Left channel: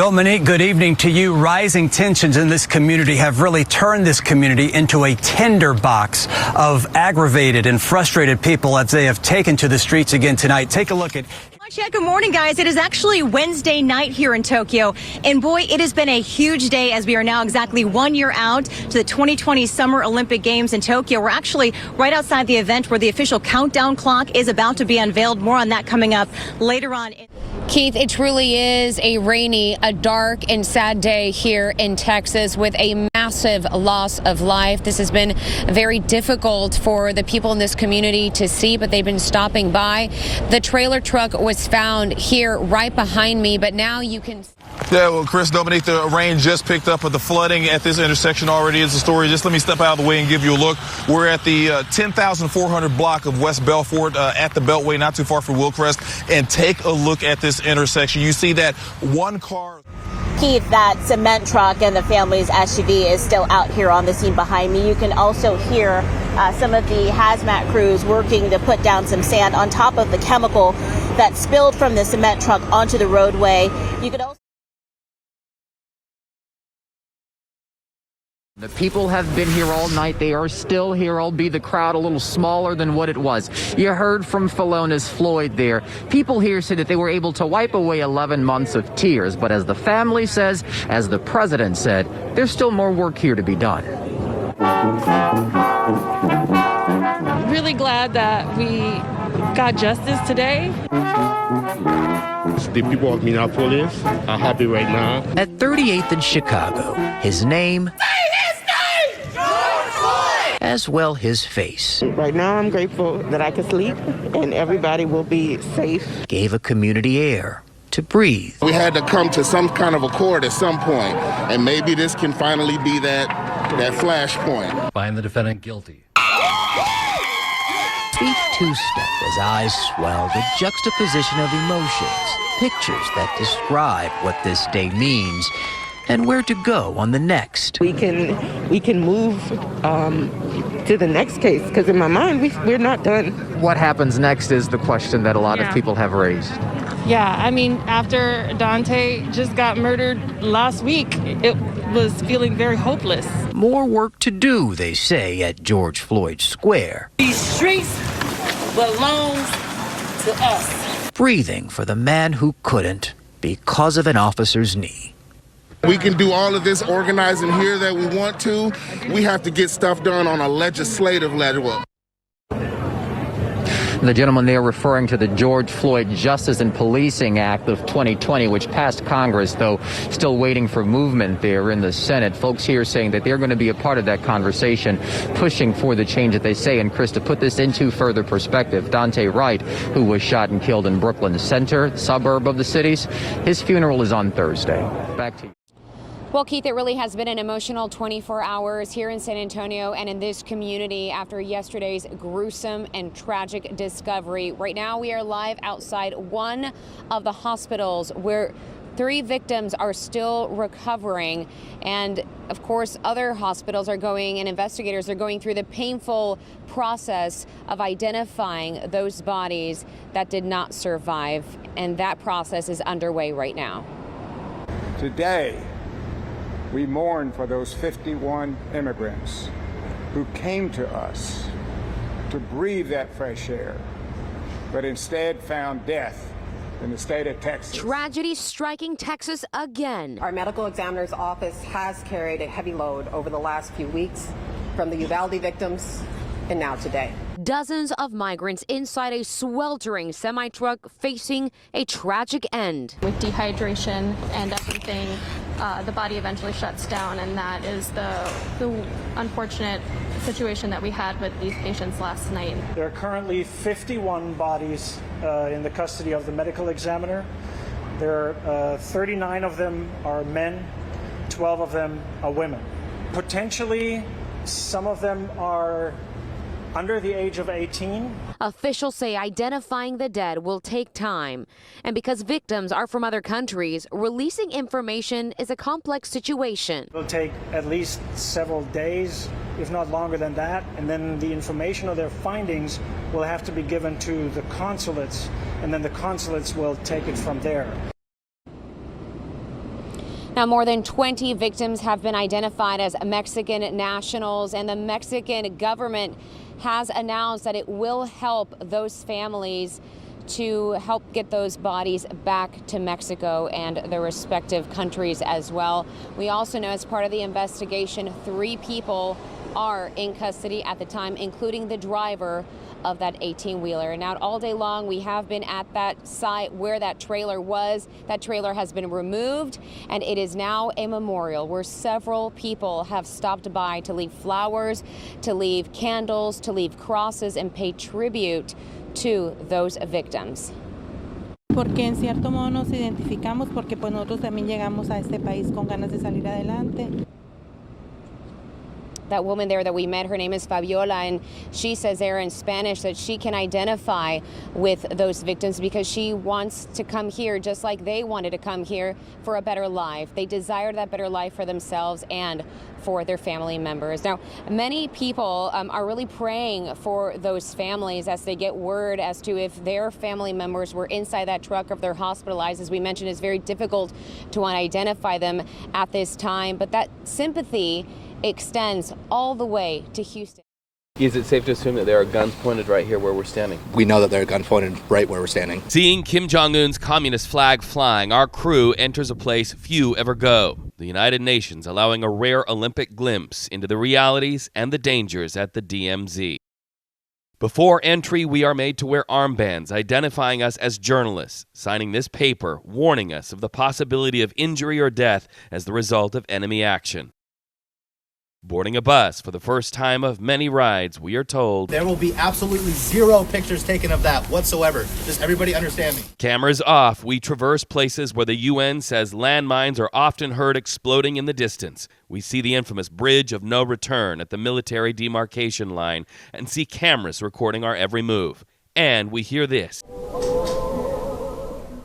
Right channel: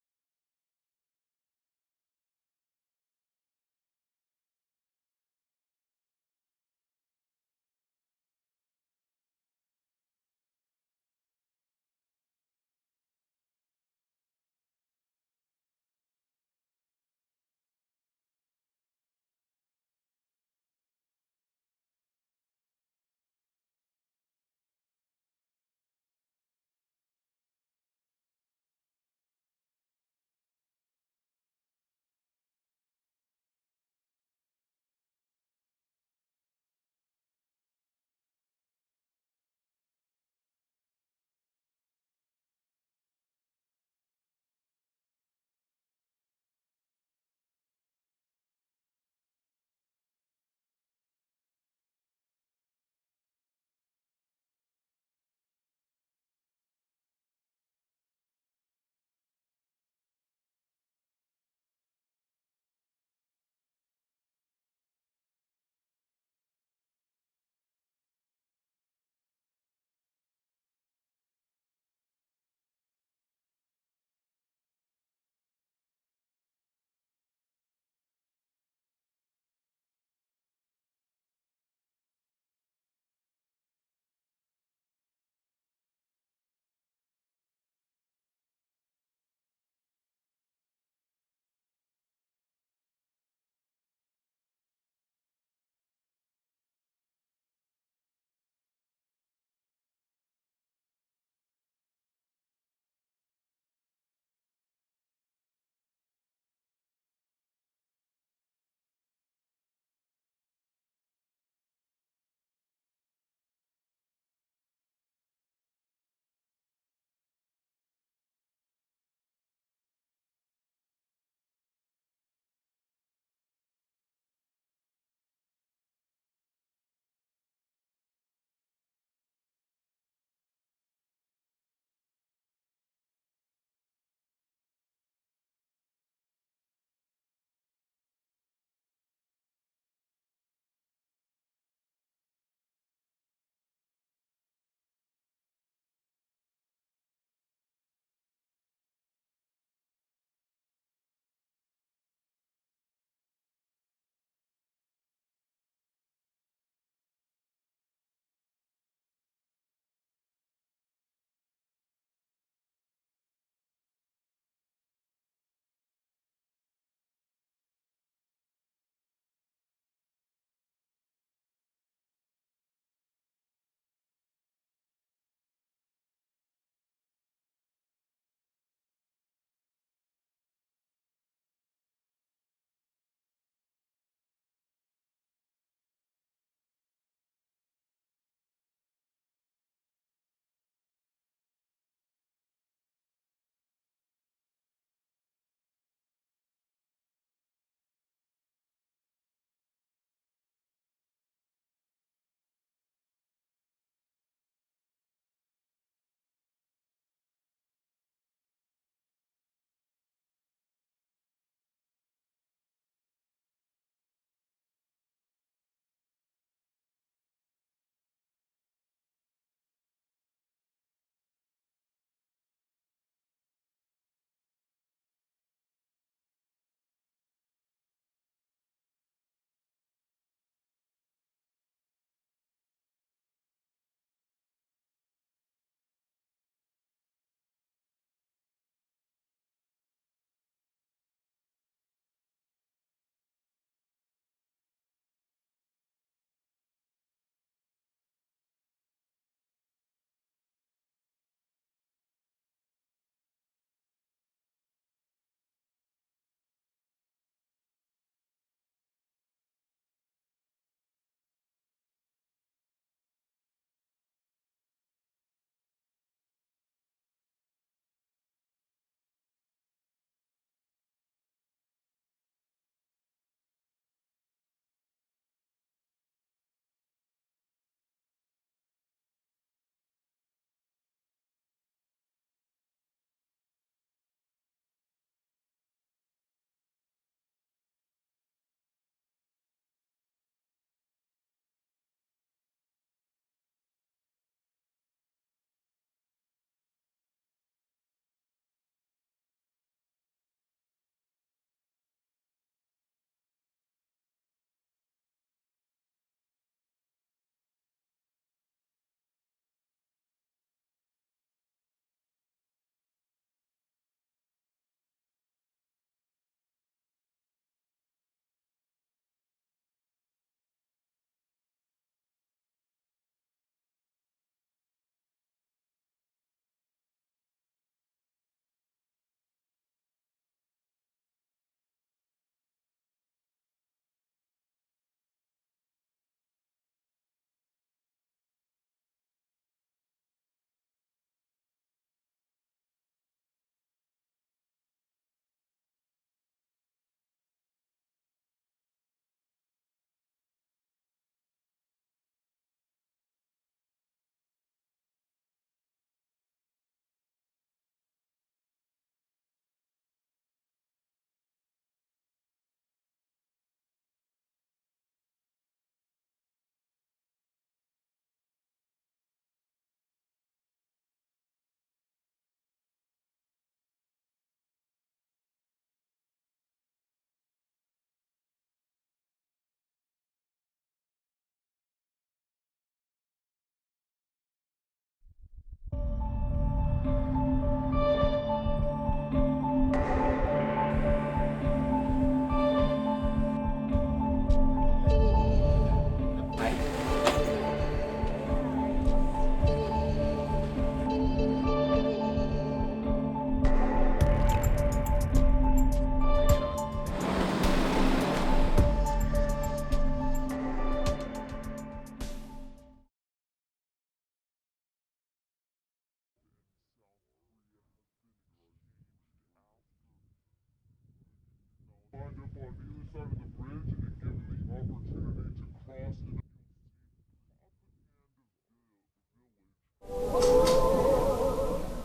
Dominique, good evening to you. Rising tensions in this community have really turned this community into a tinderbox of aggravated and frustrated people as they have taken to the streets again tonight. Take a look at... Yeah, good morning, guys. It is actually Wednesday night here in Tokyo. And boy, it has been a huge day as we are now exactly 1 year out to the 2020 Summer Olympic Games in Tokyo. We're actually right outside the event where the official countdown clock is about to be unveiled. More on that coming up later on. Keith, it truly is a rainy, a dark and sad day here in Texas with a massive loss of life. This has been very difficult for the people in this community to see, but they've been stopping by. The trailer truck was found here right behind me, but now you can... Yeah, well, Chris, Dominique, the rain just picked up, but the flooding at this intersection already is the story. Just let me step out of the way and give you a look. We're at the 10,400 block of West Belfort at the Beltway, not too far from Willcrest. And take a look at this intersection. You see that one car... Keith, that cement truck and the family's SUV is still out here on the scene behind me. You can also hear some of the hazmat crews working to put down some sand on top of the chemical that spilled from the cement truck onto the roadway. You could also... The people have been here all night. They are still here, albeit the crowd a little smaller than what it was. You heard from Filona's Floyd there. People here say that they were able to wipe away 11 months of tears. But as the family says, as the president said, there's still more work here to be done. Really glad that we got justice today. The people of Minneapolis are happy right now. At 38th in Chicago, his name... as well his face. Right now I'm grateful that I can sleep and everybody will be safe. Gave a community air to breathe. We had to come to some kind of accord at some point, and maybe this can finally be that flashpoint. Find the defendant guilty. Feet two-step as eyes swell, the juxtaposition of emotions, pictures that describe what this day means and where to go on the next. We can move to the next case, because in my mind, we're not done. What happens next is the question that a lot of people have raised. Yeah, I mean, after Dante just got murdered last week, it was feeling very hopeless. More work to do, they say, at George Floyd Square. These streets belongs to us. Breathing for the man who couldn't because of an officer's knee. We can do all of this organizing here that we want to. We have to get stuff done on a legislative level. The gentleman there referring to the George Floyd Justice and Policing Act of 2020, which passed Congress, though still waiting for movement there in the Senate. Folks here saying that they're going to be a part of that conversation, pushing for the change that they say. And Chris, to put this into further perspective, Dante Wright, who was shot and killed in Brooklyn Center, suburb of the cities, his funeral is on Thursday. Back to you. Well, Keith, it really has been an emotional 24 hours here in San Antonio and in this community after yesterday's gruesome and tragic discovery. Right now, we are live outside one of the hospitals where 3 victims are still recovering. And of course, other hospitals are going and investigators are going through the painful process of identifying those bodies that did not survive. And that process is underway right now. Today, we mourn for those 51 immigrants who came to us to breathe that fresh air, but instead found death in the state of Texas. Tragedy striking Texas again. Our medical examiner's office has carried a heavy load over the last few weeks, from the Uvalde victims and now today. Dozens of migrants inside a sweltering semi-truck facing a tragic end. With dehydration and everything, the body eventually shuts down, and that is the unfortunate situation that we had with these patients last night. There are currently 51 bodies in the custody of the medical examiner. There are 39 of them are men, 12 of them are women. Potentially, some of them are under the age of 18. Officials say identifying the dead will take time. And because victims are from other countries, releasing information is a complex situation. It'll take at least several days, if not longer than that. And then the information of their findings will have to be given to the consulates, and then the consulates will take it from there. Now, more than 20 victims have been identified as Mexican nationals, and the Mexican government has announced that it will help those families to help get those bodies back to Mexico and their respective countries as well. We also know as part of the investigation, 3 people are in custody at the time, including the driver of that 18-wheeler. Now, all day long, we have been at that site where that trailer was. That trailer has been removed, and it is now a memorial where several people have stopped by to leave flowers, to leave candles, to leave crosses, and pay tribute to those victims. Porque en cierto modo nos identificamos porque pues nosotros también llegamos a este país con ganas de salir adelante. That woman there that we met, her name is Fabiola, and she says there in Spanish that she can identify with those victims because she wants to come here just like they wanted to come here for a better life. They desired that better life for themselves and for their family members. Now, many people are really praying for those families as they get word as to if their family members were inside that truck or if they're hospitalized. As we mentioned, it's very difficult to identify them at this time, but that sympathy extends all the way to Houston. Is it safe to assume that there are guns pointed right here where we're standing? We know that there are guns pointed right where we're standing. Seeing Kim Jong-un's communist flag flying, our crew enters a place few ever go. The United Nations allowing a rare Olympic glimpse into the realities and the dangers at the DMZ. Before entry, we are made to wear armbands identifying us as journalists, signing this paper warning us of the possibility of injury or death as the result of enemy action. Boarding a bus for the first time of many rides, we are told there will be absolutely 0 pictures taken of that whatsoever. Does everybody understand me? Cameras off, we traverse places where the UN says landmines are often heard exploding in the distance. We see the infamous Bridge of No Return at the military demarcation line and see cameras recording our every move. And we hear this.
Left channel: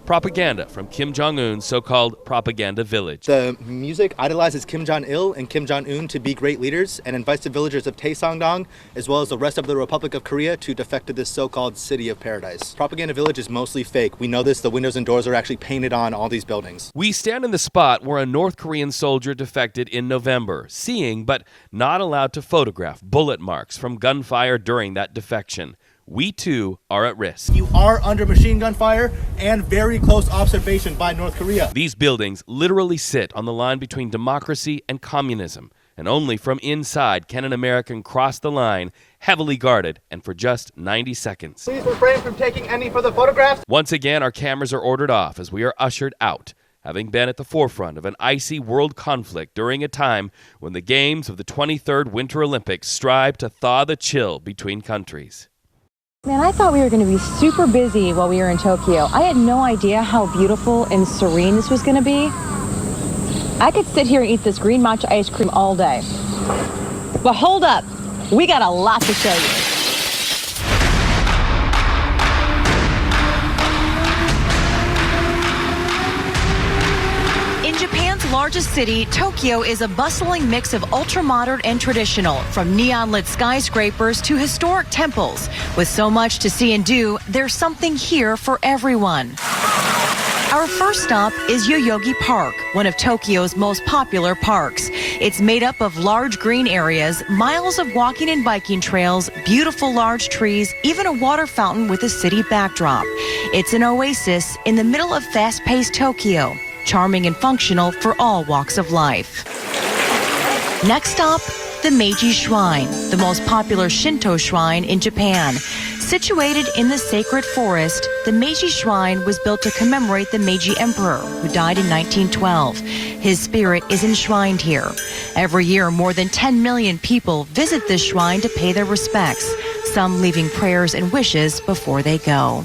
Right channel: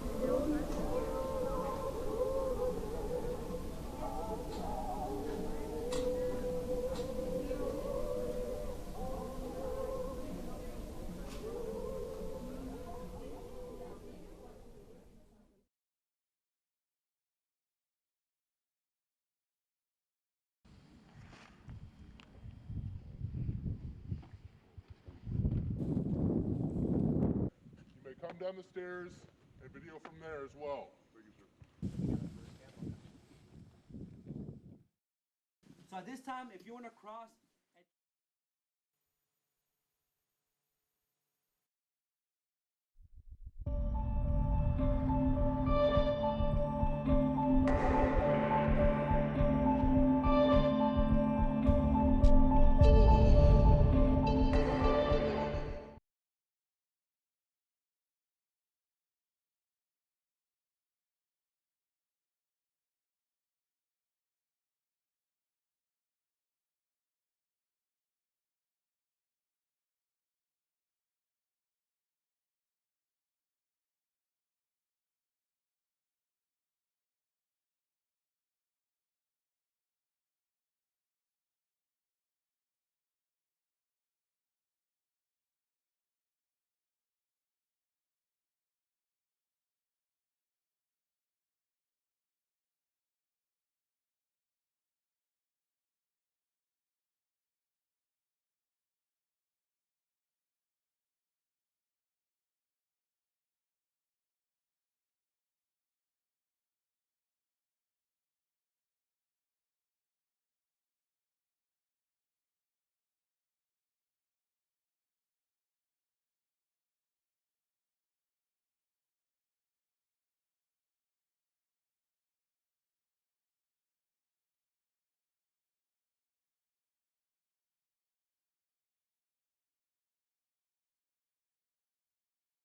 Propaganda from Kim Jong-un's so-called propaganda village. The music idolizes Kim Jong-il and Kim Jong-un to be great leaders and invites the villagers of Taesongdong, as well as the rest of the Republic of Korea, to defect to this so-called city of paradise. Propaganda village is mostly fake. We know this. The windows and doors are actually painted on all these buildings. We stand in the spot where a North Korean soldier defected in November, seeing but not allowed to photograph bullet marks from gunfire during that defection. We too are at risk. You are under machine gun fire and very close observation by North Korea. These buildings literally sit on the line between democracy and communism, and only from inside can an American cross the line, heavily guarded and for just 90 seconds. Please refrain from taking any further photographs. Once again, our cameras are ordered off as we are ushered out, having been at the forefront of an icy world conflict during a time when the games of the 23rd Winter Olympics strive to thaw the chill between countries. Man, I thought we were going to be super busy while we were in Tokyo. I had no idea how beautiful and serene this was going to be. I could sit here and eat this green matcha ice cream all day. But hold up, we got a lot to show you. In Japan's largest city, Tokyo is a bustling mix of ultra-modern and traditional, from neon-lit skyscrapers to historic temples. With so much to see and do, there's something here for everyone. Our first stop is Yoyogi Park, one of Tokyo's most popular parks. It's made up of large green areas, miles of walking and biking trails, beautiful large trees, even a water fountain with a city backdrop. It's an oasis in the middle of fast-paced Tokyo, charming and functional for all walks of life. Next stop, the Meiji Shrine, the most popular Shinto shrine in Japan. Situated in the sacred forest, the Meiji Shrine was built to commemorate the Meiji Emperor, who died in 1912. His spirit is enshrined here. Every year, more than 10 million people visit this shrine to pay their respects, some leaving prayers and wishes before they go.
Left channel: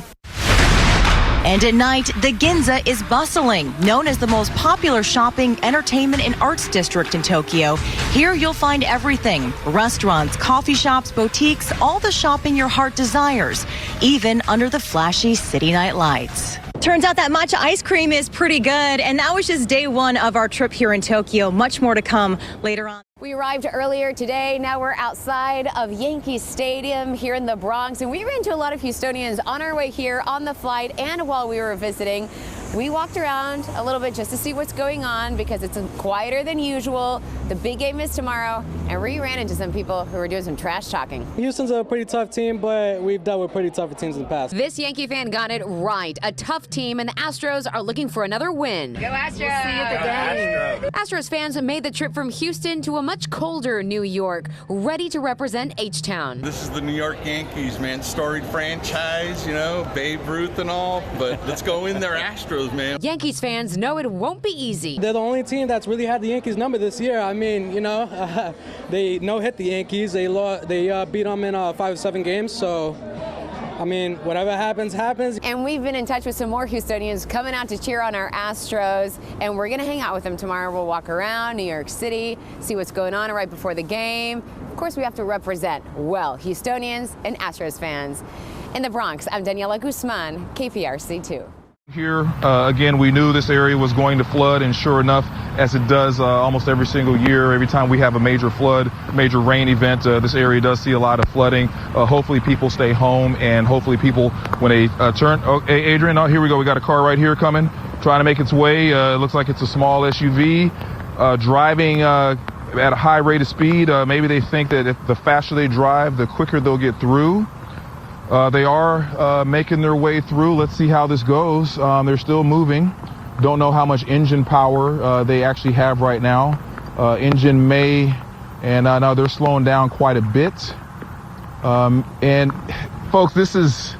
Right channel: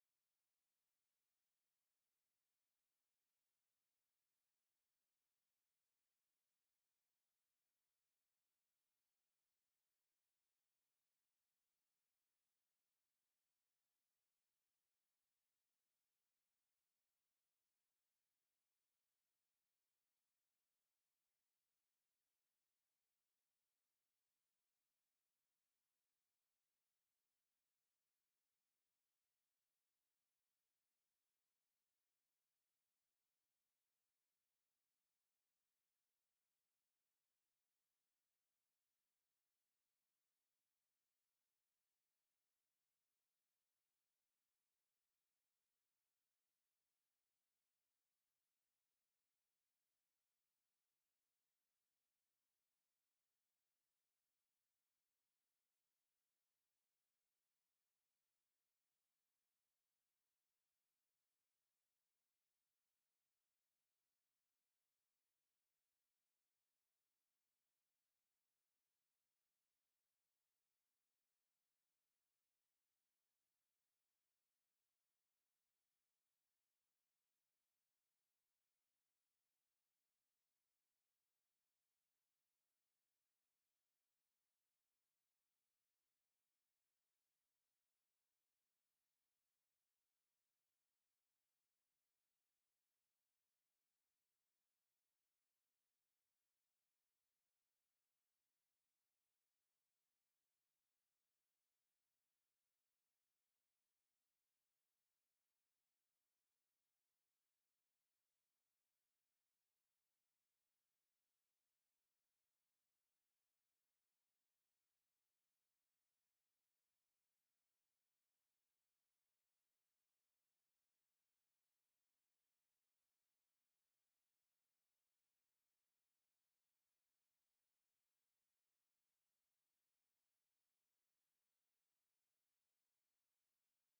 And at night, the Ginza is bustling. Known as the most popular shopping, entertainment, and arts district in Tokyo, here you'll find everything. Restaurants, coffee shops, boutiques, all the shopping your heart desires, even under the flashy city night lights. Turns out that matcha ice cream is pretty good, and that was just day one of our trip here in Tokyo. Much more to come later on. We arrived earlier today. Now we're outside of Yankee Stadium here in the Bronx, and we ran into a lot of Houstonians on our way here on the flight and while we were visiting. We walked around a little bit just to see what's going on because it's quieter than usual. The big game is tomorrow, and we ran into some people who were doing some trash talking. Houston's a pretty tough team, but we've dealt with pretty tougher teams in the past. This Yankee fan got it right. A tough team, and the Astros are looking for another win. Go Astros! We'll see you at the game. Astros fans made the trip from Houston to a much colder New York, ready to represent H-Town. This is the New York Yankees, man. Storied franchise, you know, Babe Ruth and all, but let's go in there, Astros. Man. Yankees fans know it won't be easy. They're the only team that's really had the Yankees number this year. I mean, you know, they no-hit the Yankees. They beat them in 5 or 7 games. So, I mean, whatever happens, happens. And we've been in touch with some more Houstonians coming out to cheer on our Astros, and we're going to hang out with them tomorrow. We'll walk around New York City, see what's going on right before the game. Of course, we have to represent, well, Houstonians and Astros fans. In the Bronx, I'm Daniela Guzman, KPRC2. Here, again, we knew this area was going to flood, and sure enough, as it does almost every single year, every time we have a major flood, major rain event, this area does see a lot of flooding. Hopefully people stay home, and hopefully people, when they turn, oh, hey, Adrian, oh, here we go. We got a car right here coming, trying to make its way. It looks like it's a small SUV, driving at a high rate of speed. Maybe they think that if the faster they drive, the quicker they'll get through. They are making their way through. Let's see how this goes. They're still moving. Don't know how much engine power they actually have right now. Engine may, and now they're slowing down quite a bit. And folks, this is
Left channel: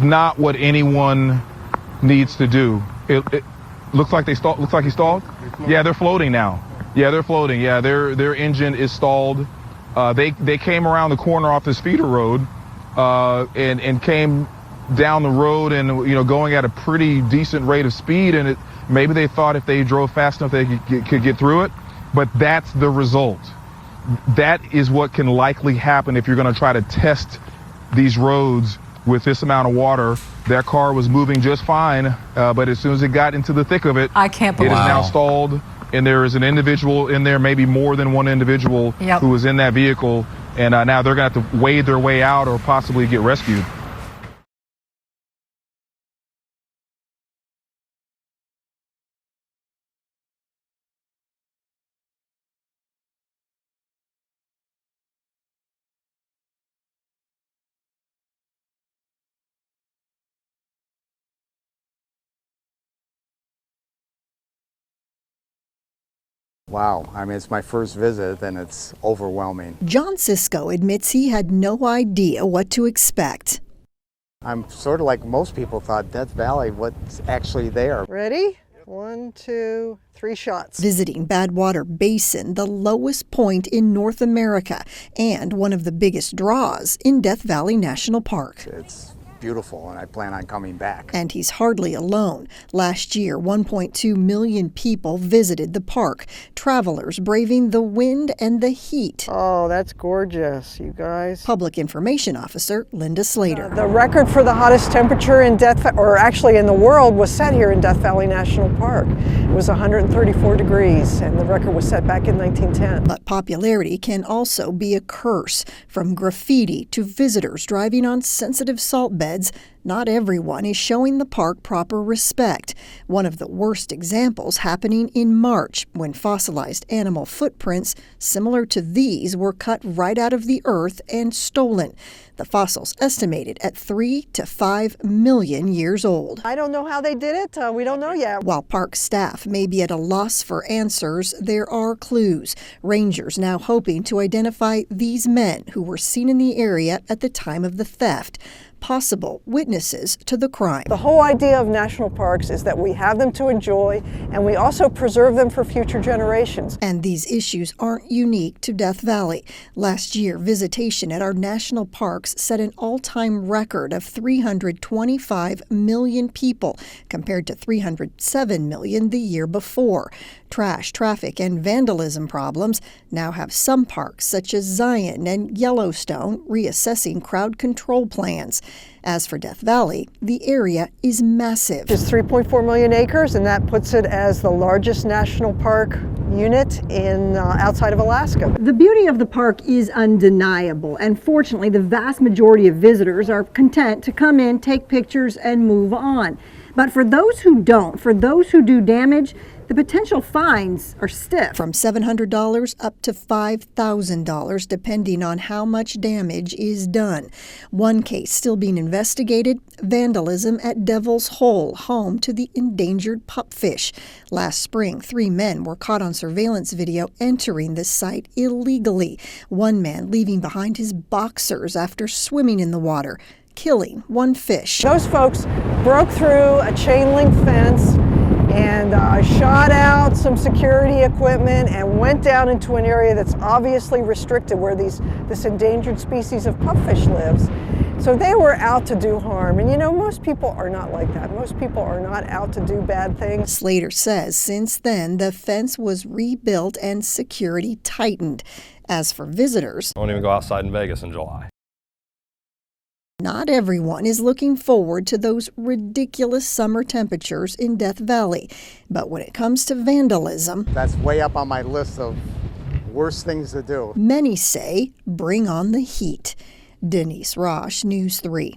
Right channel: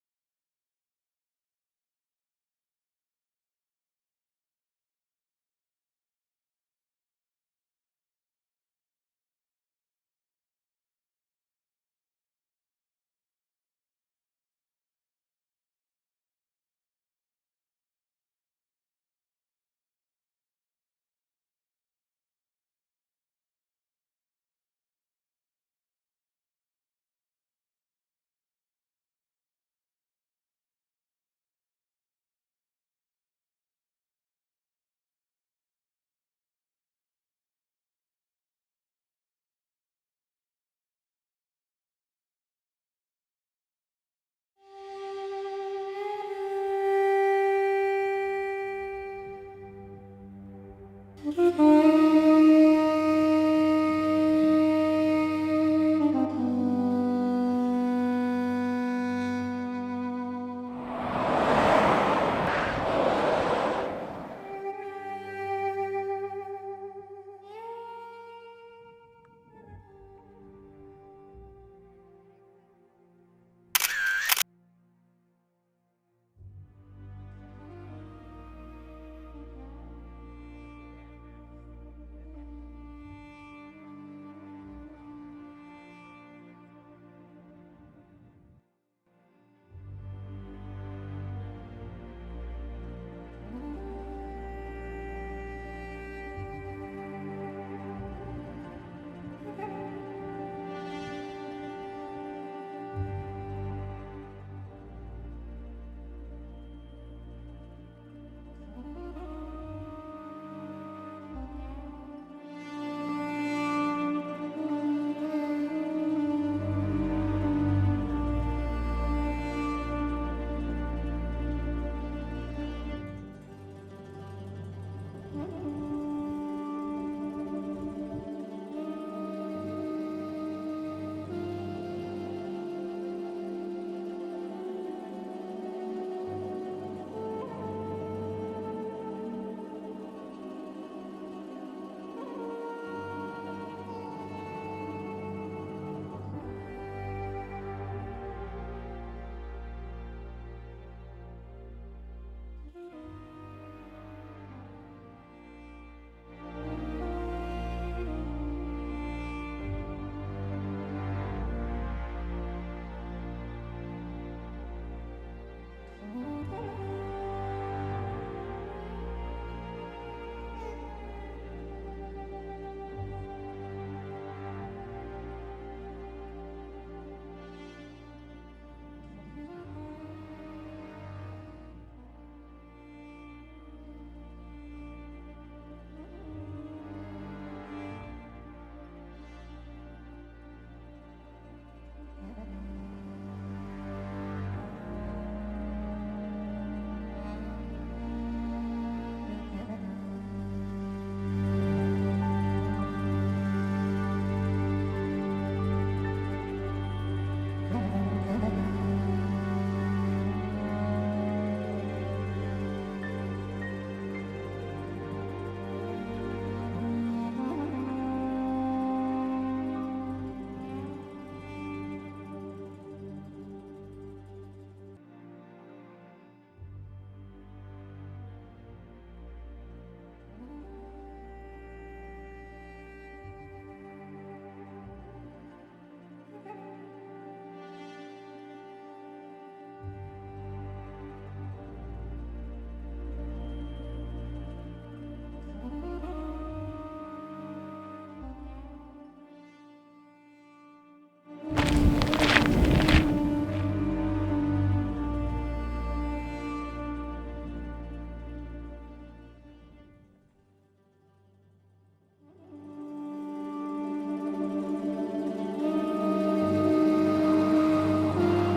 not what anyone needs to do. It looks like they stalled. Looks like he stalled. Yeah, they're floating now. Yeah, they're floating. Yeah, their engine is stalled. They came around the corner off this feeder road. And came down the road and, you know, going at a pretty decent rate of speed, and maybe they thought if they drove fast enough they could get through it, but that's the result. That is what can likely happen if you're going to try to test these roads with this amount of water. That car was moving just fine, but as soon as it got into the thick of it, I can't believe it is now stalled, and there is an individual in there, maybe more than one individual who was in that vehicle. And now they're going to have to wade their way out or possibly get rescued. Wow, I mean, it's my first visit and it's overwhelming. John Sisko admits he had no idea what to expect. I'm sort of like most people thought, Death Valley, what's actually there? Ready? 1, 2, 3 shots. Visiting Badwater Basin, the lowest point in North America and one of the biggest draws in Death Valley National Park. It's beautiful, and I plan on coming back. And he's hardly alone. Last year, 1.2 million people visited the park, travelers braving the wind and the heat. Oh, that's gorgeous, you guys. Public Information Officer Linda Slater. The record for the hottest temperature in actually in the world was set here in Death Valley National Park. It was 134 degrees, and the record was set back in 1910. But popularity can also be a curse. From graffiti to visitors driving on sensitive salt beds, not everyone is showing the park proper respect. One of the worst examples happening in March, when fossilized animal footprints similar to these were cut right out of the earth and stolen. The fossils estimated at 3 to 5 million years old. I don't know how they did it. We don't know yet. While park staff may be at a loss for answers, there are clues. Rangers now hoping to identify these men who were seen in the area at the time of the theft. Possible witnesses to the crime. The whole idea of national parks is that we have them to enjoy, and we also preserve them for future generations. And these issues aren't unique to Death Valley. Last year, visitation at our national parks set an all-time record of 325 million people, compared to 307 million the year before. Trash, traffic, and vandalism problems now have some parks, such as Zion and Yellowstone, reassessing crowd control plans. As for Death Valley, the area is massive. It's 3.4 million acres, and that puts it as the largest national park unit in outside of Alaska. The beauty of the park is undeniable, and fortunately, the vast majority of visitors are content to come in, take pictures, and move on. But for those who don't, for those who do damage, the potential fines are stiff. From $700 up to $5,000, depending on how much damage is done. One case still being investigated, vandalism at Devil's Hole, home to the endangered pupfish. Last spring, 3 men were caught on surveillance video entering this site illegally. One man leaving behind his boxers after swimming in the water, killing 1 fish. Those folks broke through a chain link fence and shot out some security equipment and went down into an area that's obviously restricted where this endangered species of pupfish lives. So they were out to do harm. And you know, most people are not like that. Most people are not out to do bad things. Slater says since then, the fence was rebuilt and security tightened. As for visitors, I won't even go outside in Vegas in July. Not everyone is looking forward to those ridiculous summer temperatures in Death Valley. But when it comes to vandalism, that's way up on my list of worst things to do. Many say bring on the heat. Denise Roche, News 3.